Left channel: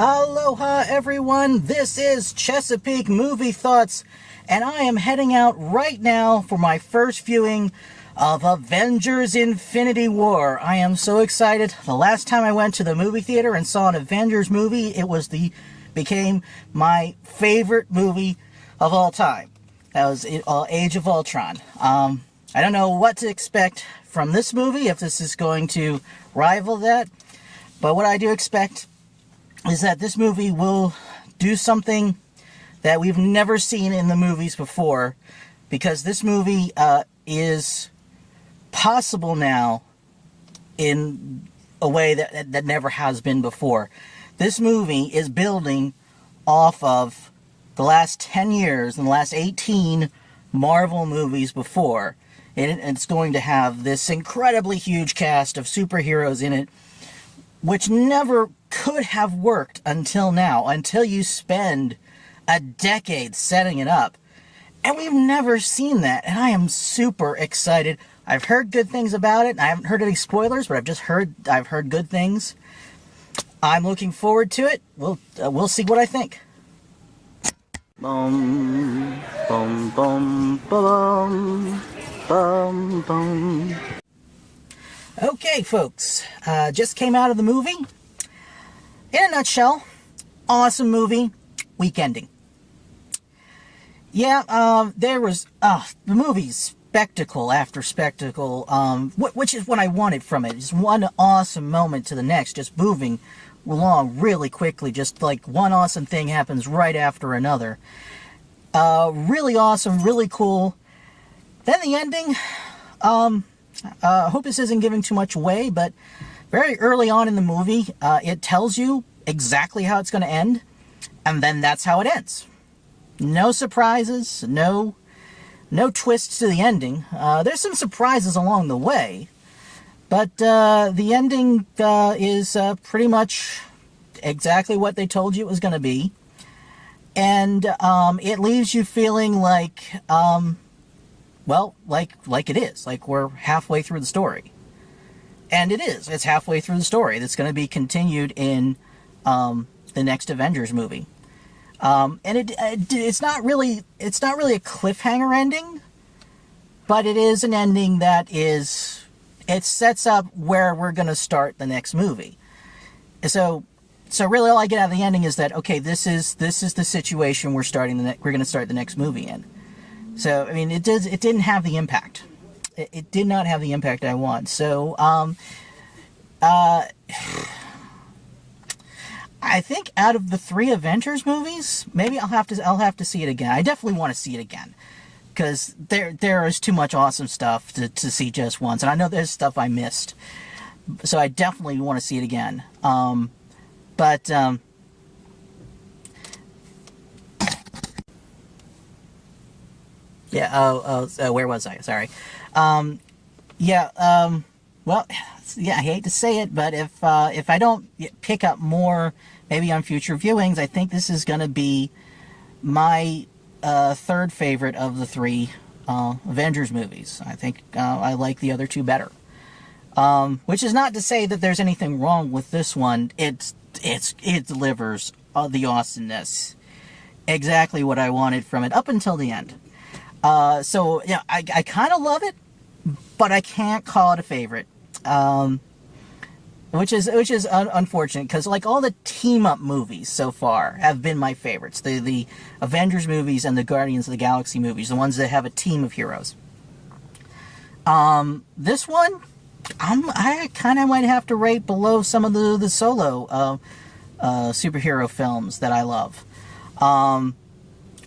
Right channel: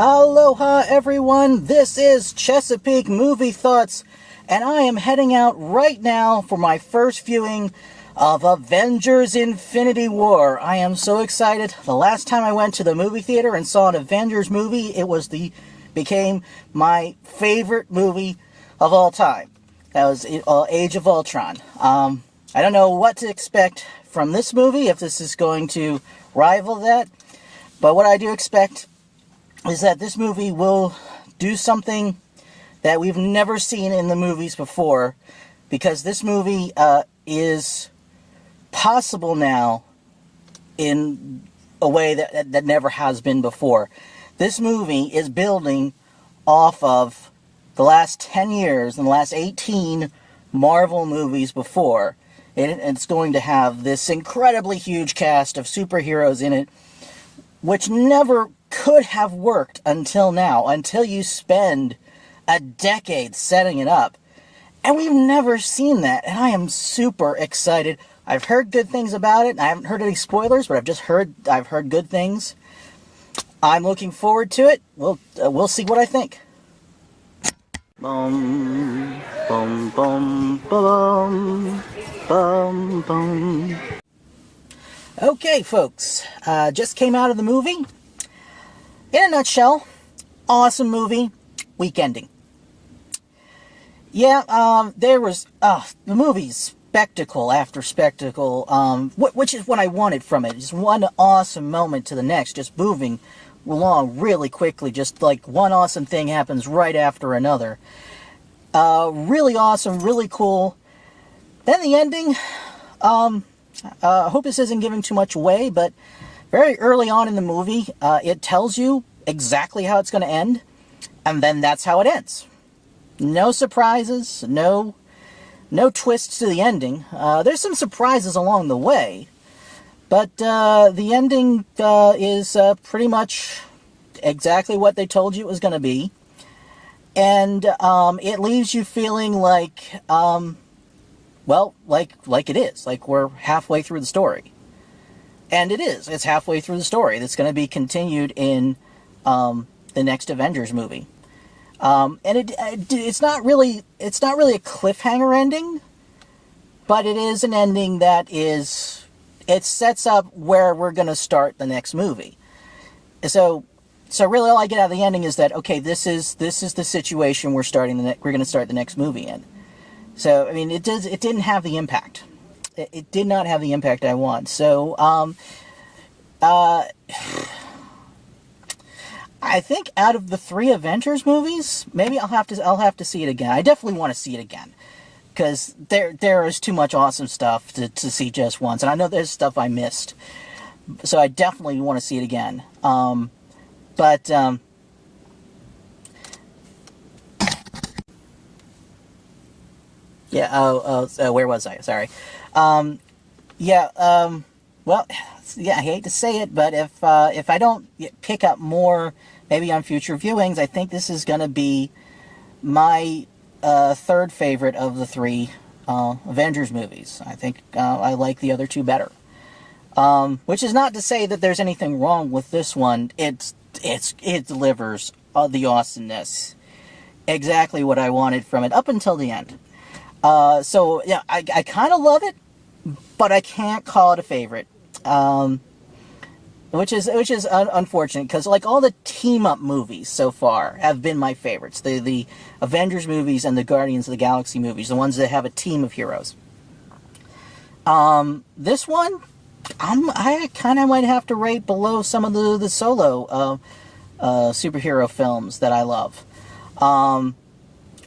Aloha everyone, this is Chesapeake Movie Thoughts, and I am heading out right now for my first viewing of Avengers Infinity War. I am so excited. The last time I went to the movie theater and saw an Avengers movie, became my favorite movie of all time. That was Age of Ultron. I don't know what to expect from this movie, if this is going to rival that, but what I do expect is that this movie will do something that we've never seen in the movies before, because this movie is possible now in a way that never has been before. This movie is building off of the last 10 years and the last 18 Marvel movies before. It's going to have this incredibly huge cast of superheroes in it, which never could have worked until now, until you spend a decade setting it up. And we've never seen that, and I am super excited. I've heard good things about it. I haven't heard any spoilers, but I've heard good things. I'm looking forward to it. We'll see what I think. Boom, boom, boom, boom, boom, boom. Okay, folks, just came out of the movie. In a nutshell, awesome movie, weak ending. Yeah, there was, the movie's spectacle after spectacle, which is what I wanted from it. Just one awesome moment to the next, just moving along really quickly, just like one awesome thing happens right after another. Really awesome, really cool. Then the ending, I hope this isn't giving too much away, but very early on in the movie, it tells you exactly how it's going to end, and then that's how it ends. No surprises, no twists to the ending. There's some surprises along the way, but the ending is pretty much exactly what they told you it was going to be, and it leaves you feeling like, well, like it is. Like we're halfway through the story. And it is. It's halfway through the story. That's going to be continued in the next Avengers movie. And it's not really a cliffhanger ending, but it is an ending that it sets up where we're going to start the next movie. So really all I get out of the ending is that, okay, this is the situation we're going to start the next movie in. So, I mean, it didn't have the impact. It did not have the impact I want. So, I think out of the 3 Avengers movies, maybe I'll have to see it again. I definitely want to see it again, because there is too much awesome stuff to see just once, and I know there's stuff I missed. So I definitely want to see it again. Yeah, where was I? Sorry. Well, yeah, I hate to say it, but if I don't pick up more, maybe on future viewings, I think this is going to be my third favorite of the 3 Avengers movies. I think I like the other 2 better. Which is not to say that there's anything wrong with this one. It delivers the awesomeness. Exactly what I wanted from it, up until the end. So, yeah, I kind of love it, but I can't call it a favorite. Which is unfortunate, because like all the team-up movies so far have been my favorites. The Avengers movies and the Guardians of the Galaxy movies, the ones that have a team of heroes. This one, I kind of might have to rate below some of the solo superhero films that I love.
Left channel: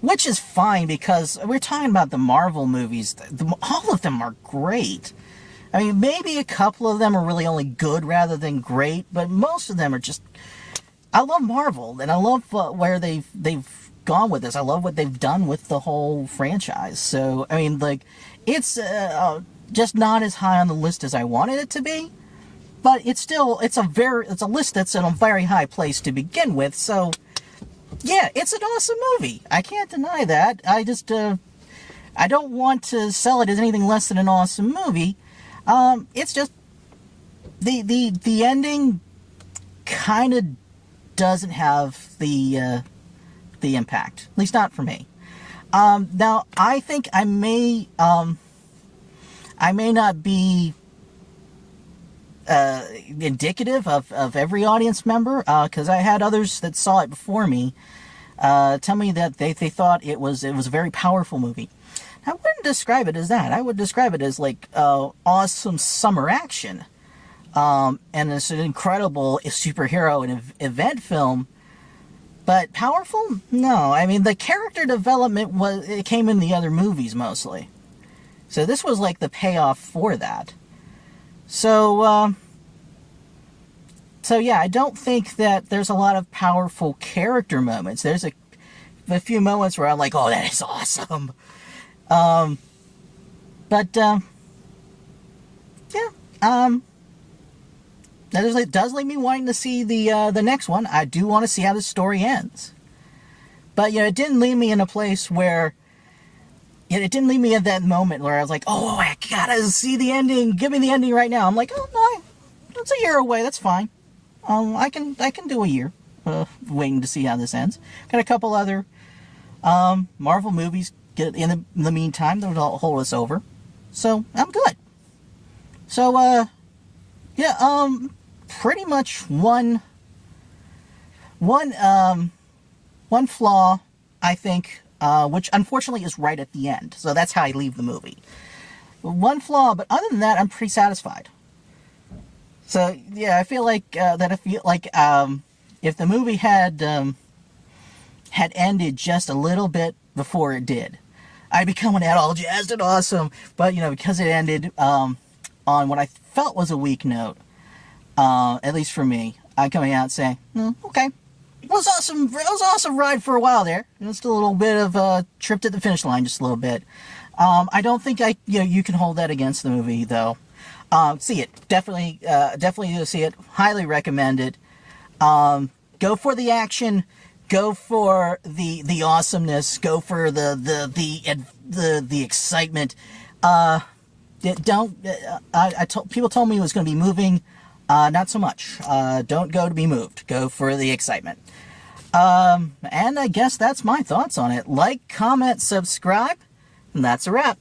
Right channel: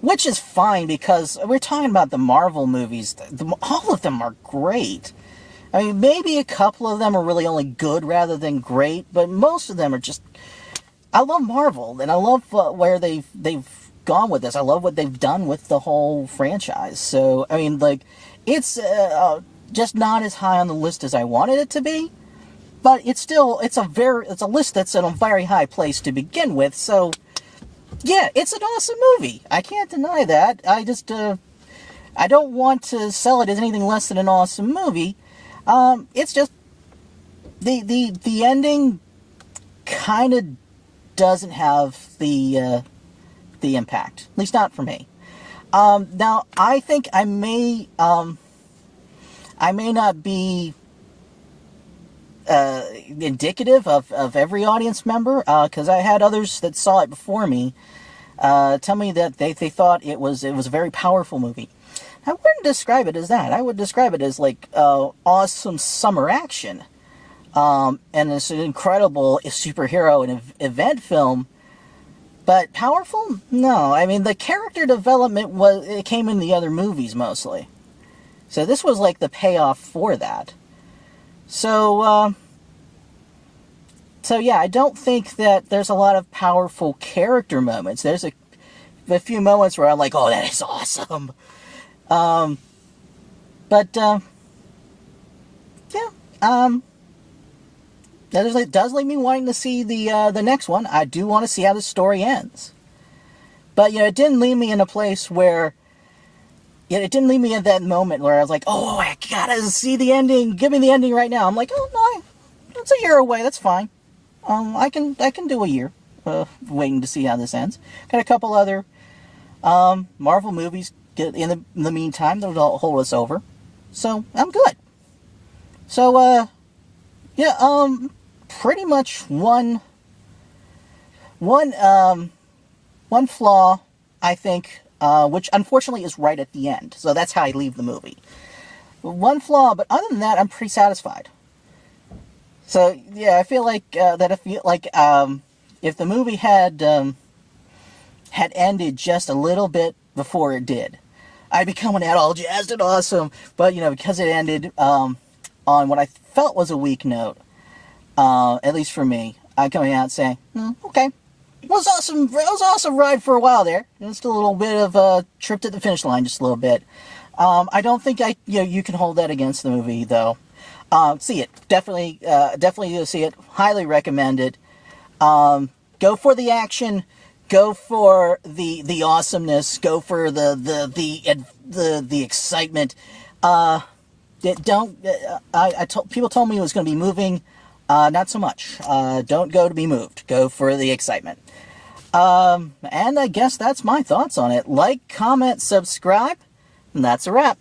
Which is fine, because we're talking about the Marvel movies. All of them are great. I mean, maybe a couple of them are really only good rather than great, but most of them are just... I love Marvel, and I love where they've gone with this. I love what they've done with the whole franchise. So, I mean, like, it's just not as high on the list as I wanted it to be, but it's still, it's a list that's in a very high place to begin with, so... Yeah, it's an awesome movie. I can't deny that. I don't want to sell it as anything less than an awesome movie. It's just the ending kind of doesn't have the impact. At least not for me. Now, I think I may not be indicative of every audience member, because I had others that saw it before me tell me that they thought it was a very powerful movie. I wouldn't describe it as that. I would describe it as like awesome summer action, and it's an incredible superhero and event film. But powerful? No. I mean, the character development it came in the other movies mostly. So this was like the payoff for that. So yeah, I don't think that there's a lot of powerful character moments. There's a few moments where I'm like, oh, that is awesome. That does leave me wanting to see the next one. I do want to see how the story ends. But, it didn't leave me in a place where... it didn't leave me at that moment where I was like, oh, I gotta see the ending. Give me the ending right now. I'm like, oh, no, that's a year away. That's fine. I can do a year waiting to see how this ends. Got a couple other Marvel movies in the meantime that'll hold us over. So, I'm good. So, pretty much one flaw, I think, which unfortunately is right at the end. So that's how I leave the movie. One flaw, but other than that, I'm pretty satisfied. So yeah, I feel like if the movie had ended just a little bit before it did, I'd be coming out all jazzed and awesome. But because it ended on what I felt was a weak note, at least for me, I'm coming out saying, okay. It was awesome. It was an awesome ride for a while there. It was still a little bit of a trip to the finish line, just a little bit. I don't think you can hold that against the movie though. See it, definitely see it. Highly recommend it. Go for the action. Go for the awesomeness. Go for the excitement. People told me it was going to be moving. Not so much. Don't go to be moved. Go for the excitement. And I guess that's my thoughts on it. Like, comment, subscribe, and that's a wrap.